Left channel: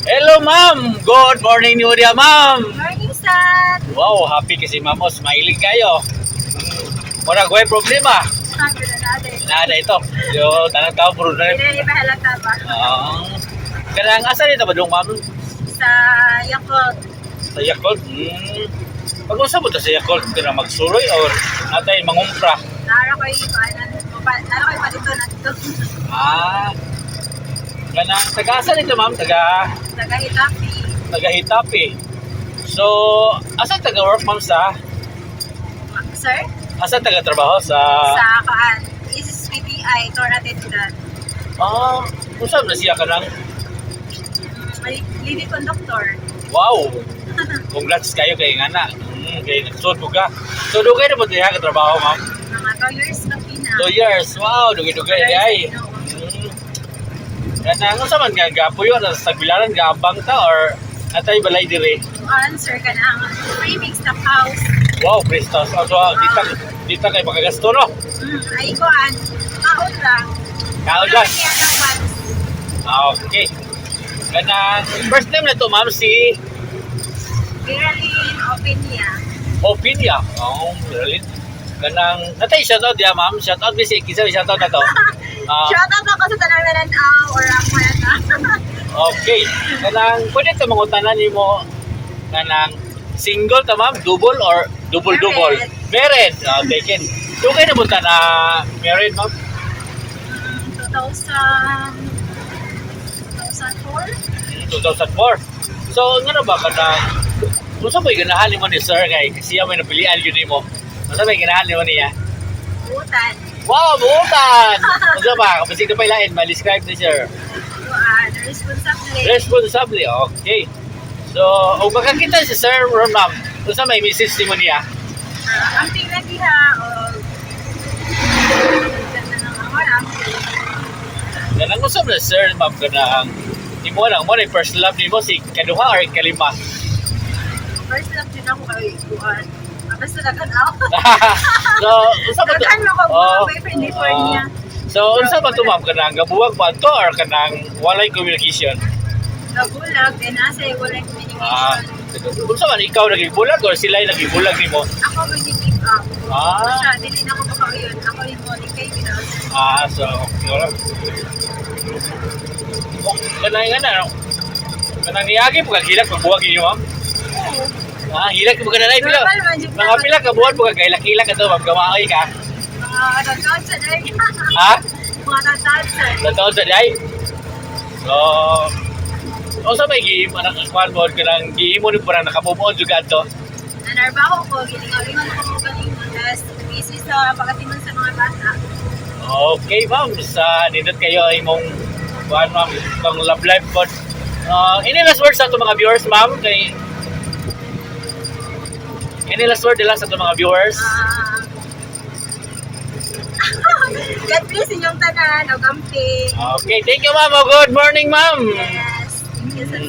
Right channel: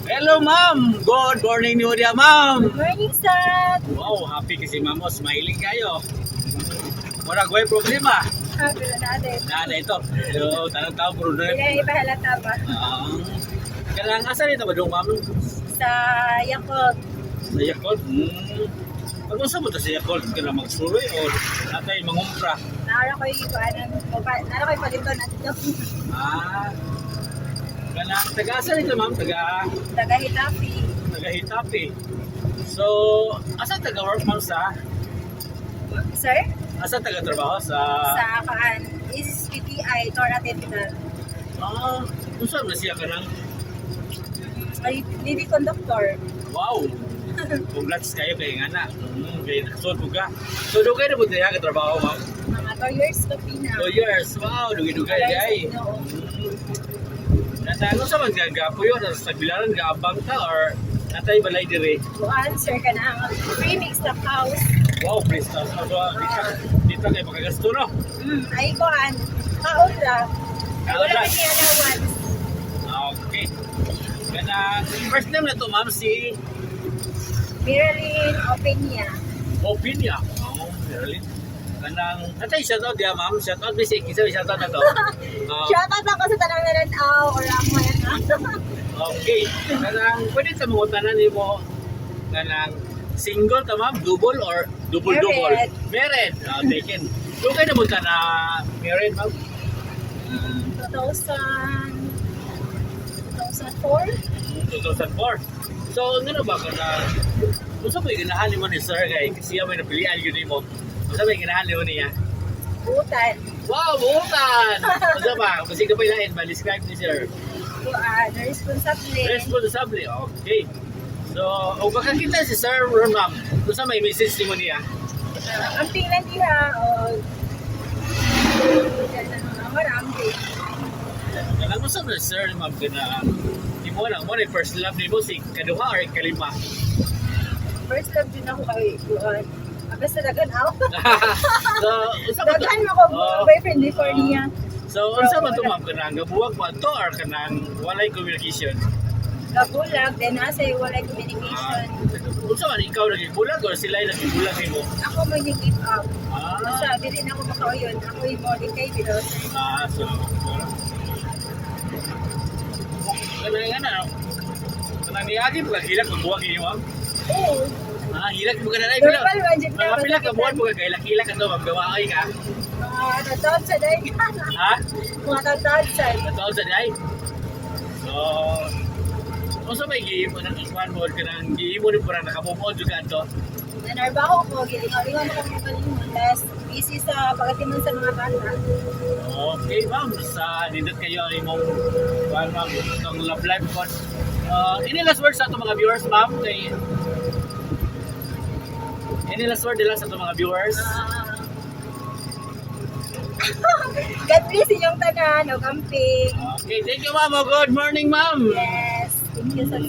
Hello, ma'am. Good morning, New Year, ma'am. Morning, sir. Wow, happy kasi ma'am. Smiling kayo. Wala ko problema. Happy na natin. Nada ito. Yo, tanang tao puro na. Hindi, ipahalata ba? Kanang asa nito ba dong ma'am? Sa Yakult. Sa Yakult. Pag-usap mo ta sa Yakult, kana magsuroy or natay mangumpra. Nara ko yung nara ko yung palito na ito. Kanang taga-asa nito ma'am? Taga Tagahitapi. Hitapi. So, asa taga-work ma'am sa? Sir? Asa taga-trabaho sa? Sa Kaan. Is PTI, Tora Tetidan. Kung saan na siya ka ng? May lady conductor. Wow! Congrats kayo kay nga na. Kaya nagsuot mo ka. So, dugay na mo tayo katrabaho, ma'am? Mga 2 years ka pina. 2 years. Wow! Dugay-dugay na ay. Kaya nga sa man nga gapo yun. Sa Tagbilaran, gaabang ka or atay balay dire? Tuan, sir, ka na ang free mixed up house. Wow, Prestos. So, dita kayo makagasto, no? Ay ko, kaon lang. Kaon lang. Kaya na once. Okay. Kaya first name na to, ma'am, si Viralin Openia. Opinia. Merlin. Kanang, natay shoutout diya, ma'am. Shoutout ba si Kisa? Shoutout na to. Shoutout ako sa tanang nananaw or ako yan na. Okay. Kanang, pwede ito mangutanan ni mo kanang single ta ma'am, double or double-double? Married. Taken. So, kayo napunta na married, ma'am? 2004? 2004. So, ano ba kanang, kung saan ba yung ganahan mo ni sir kay siya may napilian yun mo? Kung saan ba yung ganahan mo niya? Butan. Wow, buutan! Kung saan ba? Kapag sige pa ilain, ma-describe ni sir. The responsable. Responsable, okay. So, kung makakita si Sir Ron, ma'am, kung saan may message ni mo niya? Ang tingnan niya o ganda ng awaram. Yan ang usap na Sir, ma'am, kanang di mo lang mo na yung first love ni mo si kaduha or kalima? First love din ako kay Buwan. Basta dagan ako. So, unsa man to? Dagan ako mga boyfriend before niya. So, unsa man to, ma'am, kanang gabuwag ba to or kanang walay communication? Nabulag, then nasa yung walay communication. Unsa man ikaw naging-bulag or sila yung naging-bulag nimo? Ako may give up. Ah. Basta, dili na ako makauyon. Ako yung morning kay Bidos. So, wala. Kanang nga na, no? Kanang niyagi po kagilak magbuwag niyo, ma'am? Oo. Hilak mo ka na lang. Normal man, Jeep. Mga pila ka buwan mo ka, kailak-hilak ka to, ma'am, gamaoy ka. Mga tatawad sa day. Ha? Mga tatawad sa day. Totoo sa day? So, o sa may giim, anang kwan mo, kanang giim mo rin parang nakamubuon juga to. Nanarbaho ko, gilingaw-lingaw ako mga kalingon. Tapos, busy sa pagkatiman sa mga bata. Okay, ma'am, sa nindot kayo imong kwan, ma'am, itong love life po. Any last words sa itong mga viewers, ma'am? Any last word nila sa itong mga viewers? God bless inyong tanan, o camping. Okay, thank you, ma'am. Good morning, ma'am. Yes, thank you, sir.